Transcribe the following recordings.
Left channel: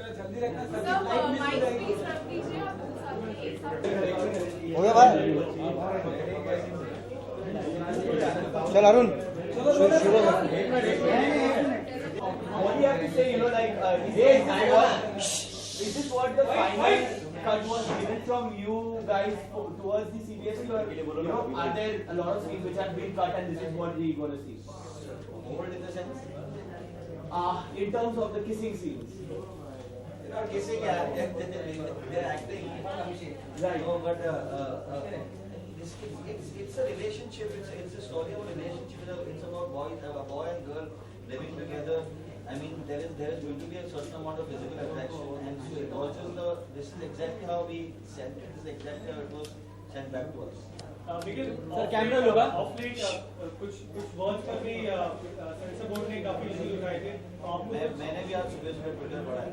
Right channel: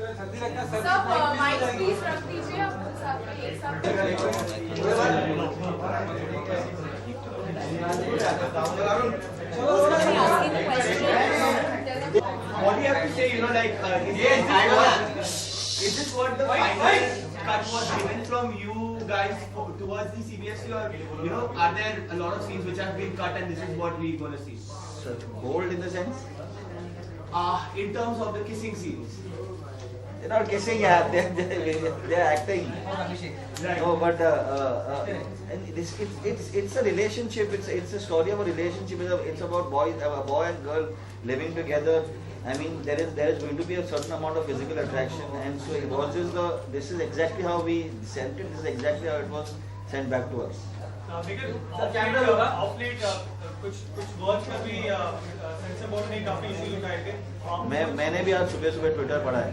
सब mic please रख दीजिए अपने सामने एक साथ। चल Arun What do you have to say, is this what the final cut was given from you guys towards the CBFC, or are there a lot of scenes which have been cut and this is what we're going to see? bold in the sense In terms of the kissing scenes. they're not kissing, yeah, they're acting. No, but it's a relationship. It's a story of a relationship. It's about a boy and girl living together. I mean, there is going to be a certain amount of physical attraction, and so this is exactly how we sent it. This is exactly how it was sent back to us. Because of late कुछ words में भी sensor board ने काफी issue उठाए थे। मैंने भी आज सुबह ट्विटर पढ़ा है।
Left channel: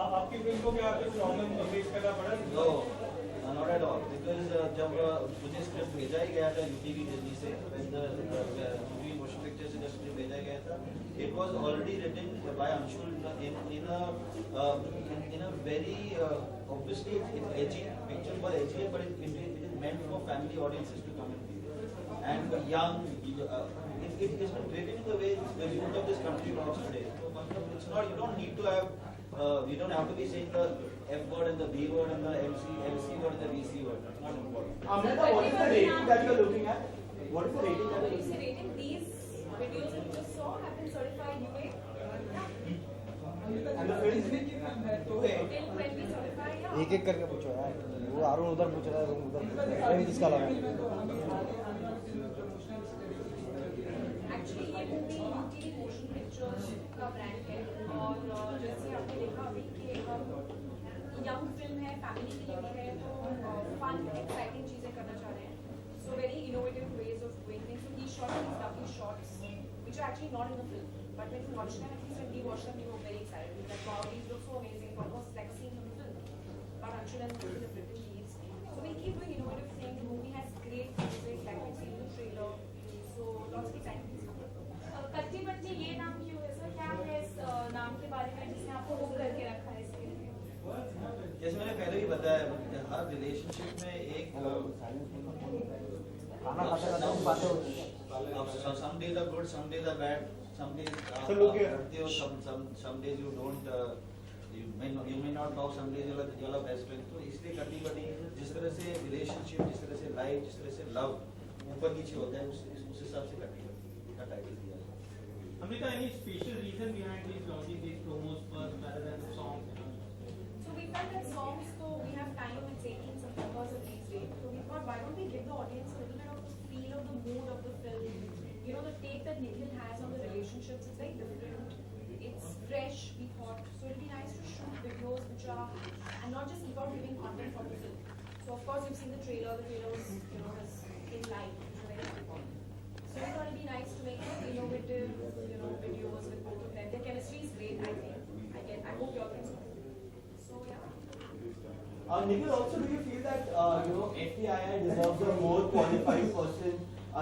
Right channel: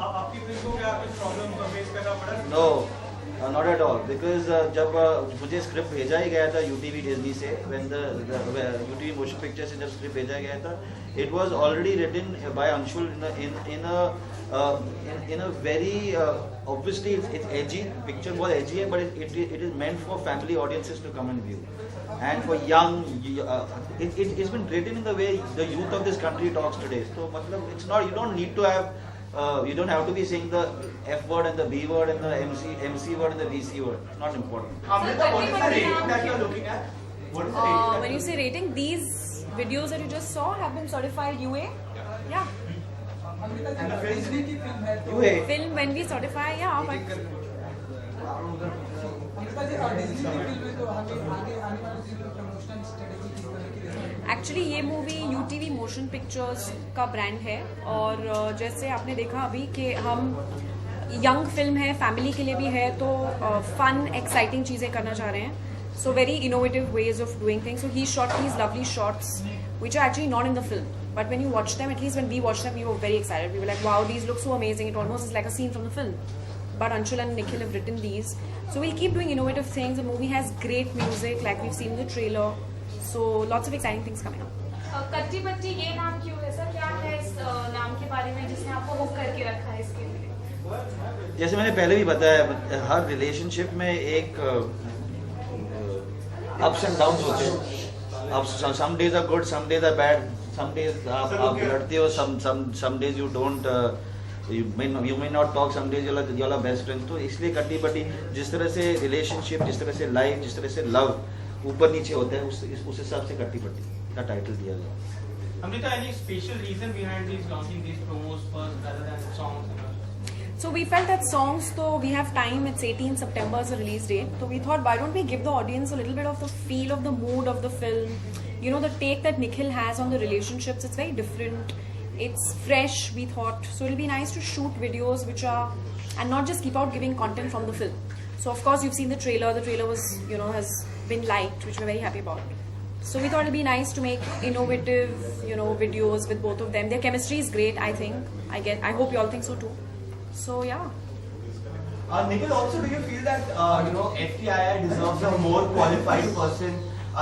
आपकी फिल्म को क्या कुछ प्रॉब्लम फेस करना पड़ा? No, not at all. Because जब मुझे स्क्रिप्ट भेजा ही गया था UTV डिज्नी से, when the UTV motion picture से जब स्क्रिप्ट भेजा गया था, it was already written by Anshul in a very obviously it's edgy. Picture was edgy, but it is meant for family audiences to come and view, and for young. It's been written in the way the youth of this country talks today. So it's not. You don't need to have. You don't have to be saying the F word and the B word and the MC word and the VC word. It's not important. Amrita, what is the rating that you're looking at? What is the rating? When you say rating, these videos that you just saw have been certified UA. Yeah. And the film? Film when we certify, yeah. But actually ये movie UTV motion pictures का brand है, और जैसे आपने देखा अभी कि हम यंग फिल्म है, फैमिली के लिए भी है, तो फन एक्साइटिंग चीज़ें करना चाह रहे हैं. So very innovative ways of doing things. So he shot these lovely shots which are actually not in the film, but when you watch them, at least when we watched them, we were very excited. We were like, wow, these look so amazing. It almost is like a scene from the film. But Anshul and Nikhil have written these, so we'll keep doing innovative things. The movie has great music, like we've seen in the trailer, so lots of exciting things coming up. कच्ची बच्ची ये नाम क्यों है sir? क्या है इस नाम के बारे में जिसने आपको हुक करके रखा है इसके लिए? जैसे मैंने पहले भी बताया, हर रिलेशनशिप में एक अप्स एंड डाउन्स होते हैं. अब some days are good, some days are bad, some days आप लड़ते हो, some days you don't, you may not talk, some days you're best friends. तो इसलिए कट्टी बट्टी, जिस तरह से रिलेशनशिप, जिस तरह से लाइफ, जिस तरह से लव ऊपर नीचे होता है, उस हिसाब से कट्टी बट्टी का टाइटल दिया गया. Amrita, any special reason behind these launching these promos first rather than songs? So we felt that songs, though we have time, it's 18 September as a release date. So we thought, why don't we give the audience a little bit of the feel of the mood of the film? You know, the take that Nikhil has on the relationships, it's very different. It's fresh, we thought. So it'll be nice to shoot videos which are, and not just keep out giving content from the film. So of course you've seen the trailer. The trailer was, has been liked, which we're very happy about. So we thought it'll be nice to make innovative, videos with both of them. Their chemistry is great, I think. I hope you all think so too. So yeah. Nikhil, also, do you feel that FTII deserves a more qualified person?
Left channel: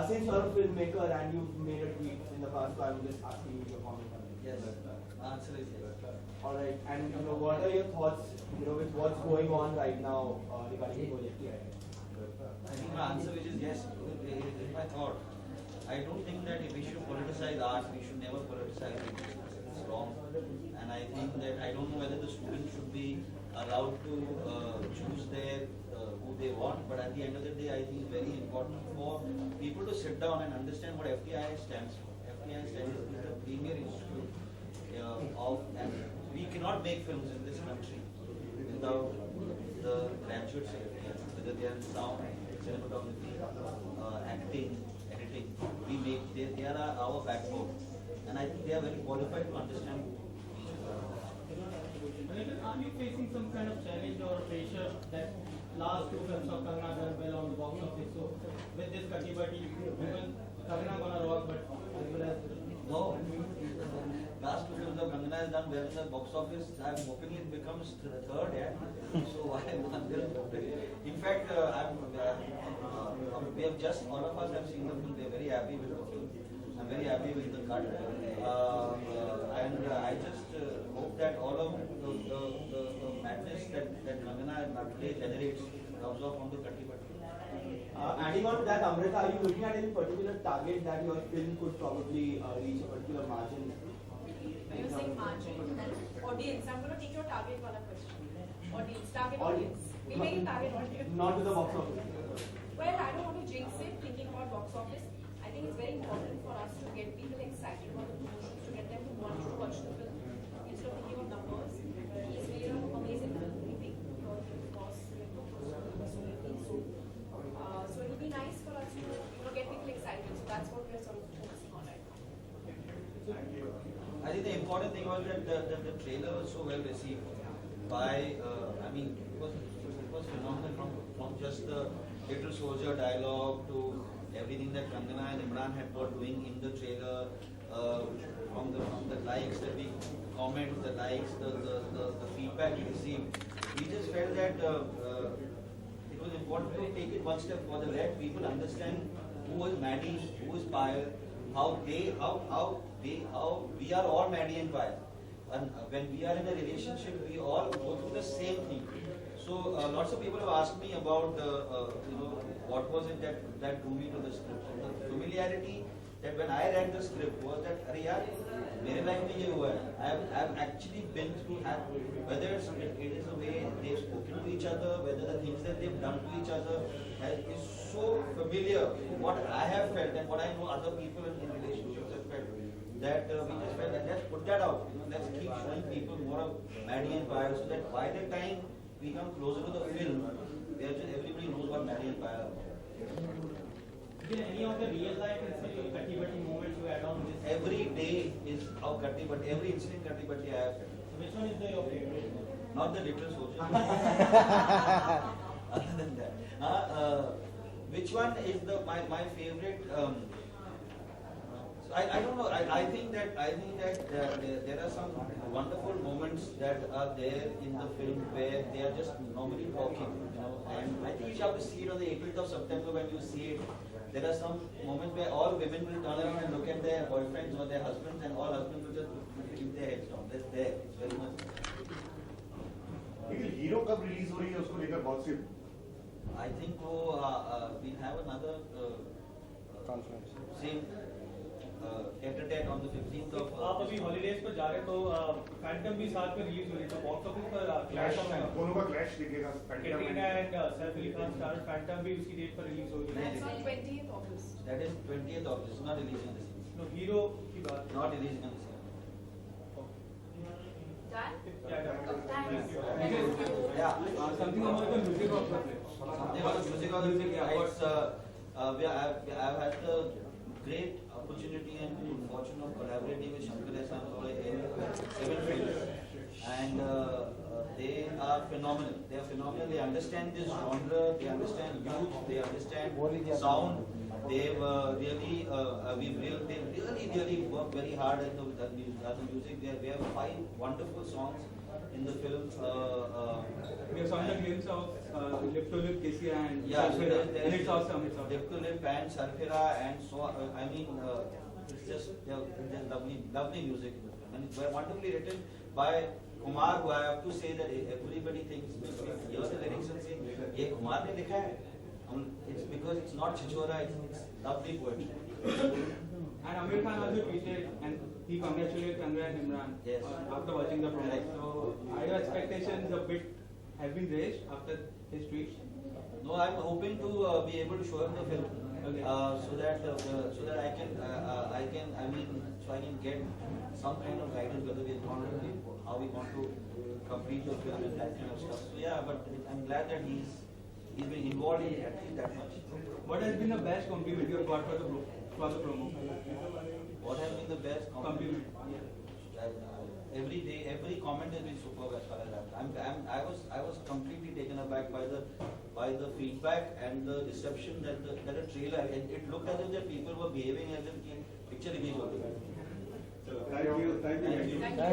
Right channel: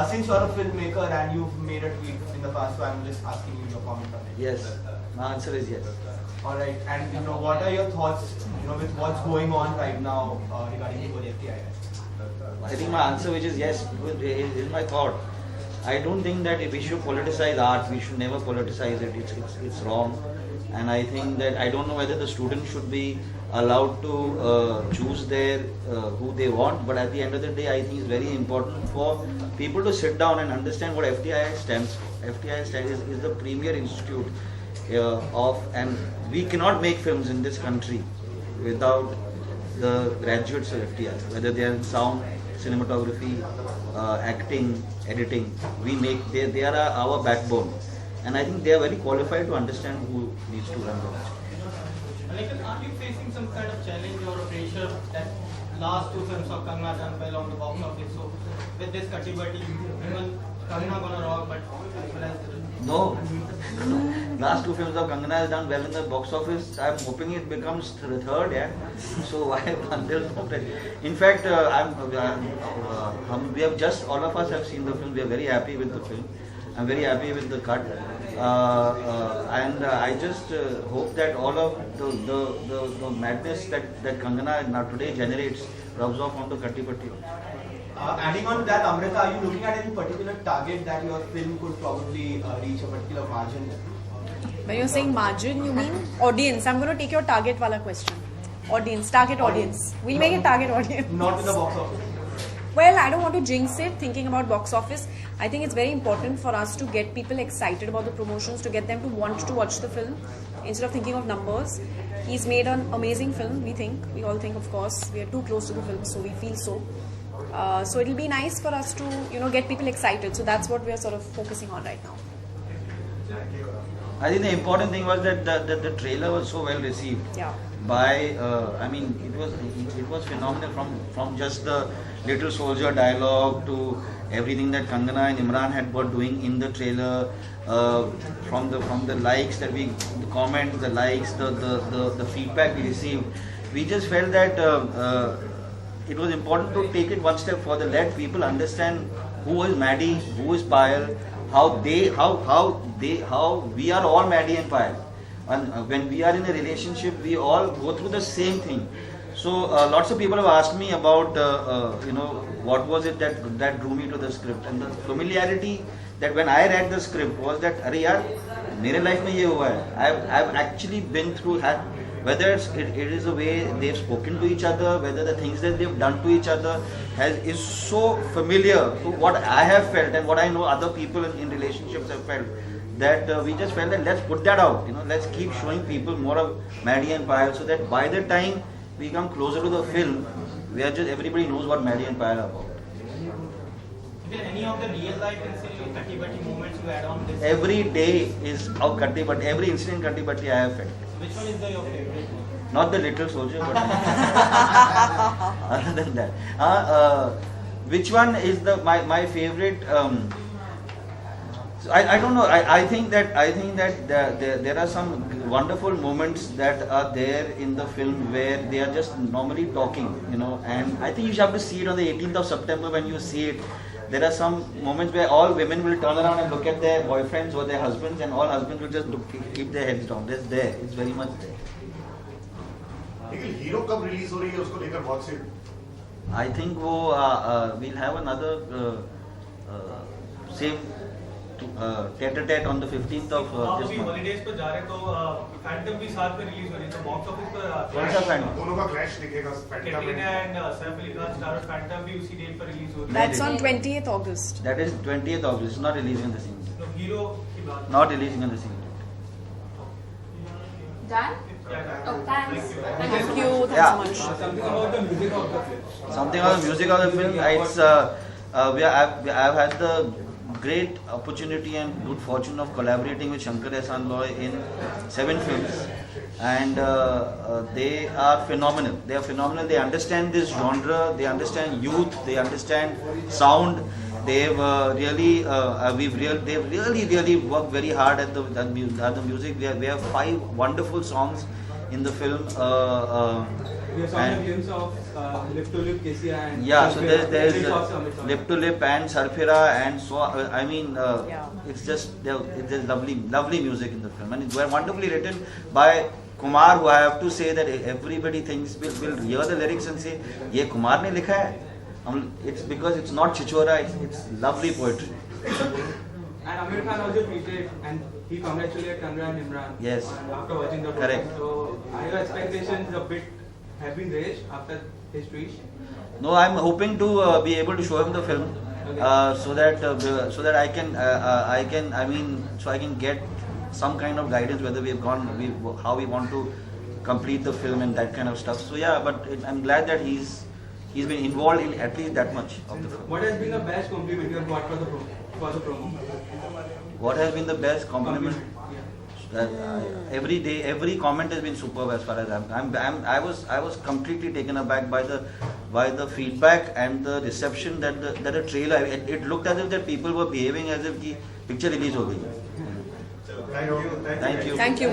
Since you're a filmmaker and you've made a tweet in the past, so I'm just asking you your comment on it. Yes, my answer is yes. All right, and what are your thoughts, with what's going on right now regarding the whole FTII? I think my answer, which is yes, is my thought. I don't think that if we should politicize art, we should never politicize it. It's wrong. And I think that I don't know whether the students should be allowed to choose who they want, but at the end of the day, I think it's very important for people to sit down and understand what FTII stands for. FTII is the premier institute and we cannot make films in this country without the graduates of FTII, whether they are in sound, cinematography, acting, editing. They are our backbone. And I think they are very qualified to understand who needs to run the country. Nikhil, are you facing some kind of challenge or pressure that last two films of Kangana done well on the box office? So with this Katti Batti, even Kangana gonna rock, but as well as No. Last two films of Kangana has done well in the box office. I'm hoping it becomes third, yeah. So why until in fact, we have just all of us have seen the film. We are very happy with the film. I'm very happy with the cut. And I just hope that all of the madness that Kangana now today generates rubs off onto Kattipatti. Adding on to that, Amrita, are you looking at any particular target that your film could probably reach a particular margin? When you're saying margin, you mean audience. I'm going to take your target wala question. Audience, target audience. We'll make it target audience. Not to the box office. Well, I don't want to jinx it thinking about box office. I think it's very important for us to get people excited about the promotions, to get them to want to watch the film instead of thinking of numbers. He's made an amazing film, we think. We all think, of course. We are too close to the film, so we feel so. So it'll be nice for us to, get people excited. So that's what we are sort of focusing on right now. I think the important thing was that the trailer was so well received. Yeah. By it was phenomenal from just the little soldier dialogue to everything that Kangana and Imran had were doing in the trailer, from the likes that the comments, the likes, the feedback we received. We just felt that it was important to take it one step further, let people understand who is Maddie, who is Payal, how we are all Maddie and Payal. And when we are in a relationship, we all go through the same thing. So lots of people have asked me about, what was it that drew me to the script. And the familiarity that when I read the script was that, Arey yaar, mere life mein ye hua hai. I've actually been through, whether it is the way they've spoken to each other, whether the things that they've done to each other is so familiar to what I have felt and what I know other people in relationships have felt. That we just felt that let's put that out, let's keep showing people more of Maddie and Payal, so that by the time we come closer to the film, everybody knows what Maddie and Payal are about. Did any of the real life Kattipatti moments you add on this? Every day is of Kattipatti, every incident in Kattipatti I have felt. Which one is your favorite? Not the little soldier, but other than that. Which one is my favorite? I don't know. I think that there are some wonderful moments that are there in the film where they are just normally talking, and I think you should have to see it on the 18th of September. When you see it, there are some moments where all women will turn around and look at their boyfriends or their husbands, and all husbands will just keep their heads down. That's there. It's very much there. लेकिन hero कब release हो रही है उसको लेकर बहुत से I think we'll have another same tete-a-tete on the 15th of this month. Holidays पे जा रहे तो फैंटम भी साथ में रिलीज हो रही है तो बॉक्स ऑफिस पर कौन सा Phantom? दोनों का क्लैश दिखेगा Katrina and Saif Ali Khan star Phantom भी उसी डेट पर रिलीज हो रही है That's on 20th August. That is 20th August. It's not releasing on the same day. तो हीरो की बात Not releasing on the same day. Done? Oh, thanks. Thank you. Thanks Yeah. so much. Something about the music of the film Something on the music of the film. I've had the great opportunity and good fortune of collaborating with Shankar Ehsaan Loy in 7 films, and they are phenomenal. They are phenomenal. They understand this genre. They understand youth. They understand sound. They've they've really worked very hard at the music. We have 5 wonderful songs in the film. We saw the and- glimpse of Lip to Lip KCI and Yeah, so Sarfira. there's Which is awesome. It's awesome. Lip to Lip and Sarfira, and so Yeah. it's just there's lovely music in the film, and it's wonderfully written by Kumar, who I have to say that everybody thinks will hear the lyrics and say, "ये Kumar ने लिखा है." It's because it's not Chichora, it's lovely poetry. And Amir Khan also tweeted and he congratulated Kangana and Imran Yes. after watching the Correct. program. So are your expectations a bit have been raised after his tweet? No, I'm hoping to be able to show him the film, so that I can get some kind of guidance whether how we want to complete the film and that kind of stuff. So yeah, but I'm glad that he's been involved in at least that much of the film. What has been the best compliment you have got for the promo? What has been the best compliment? Every day, every comment has been superb as far as I was completely taken aback by the feedback and the reception that the trailer. It looked as if that people were behaving as if the picture release ho gayi. Thank you. Thank you. Thank you.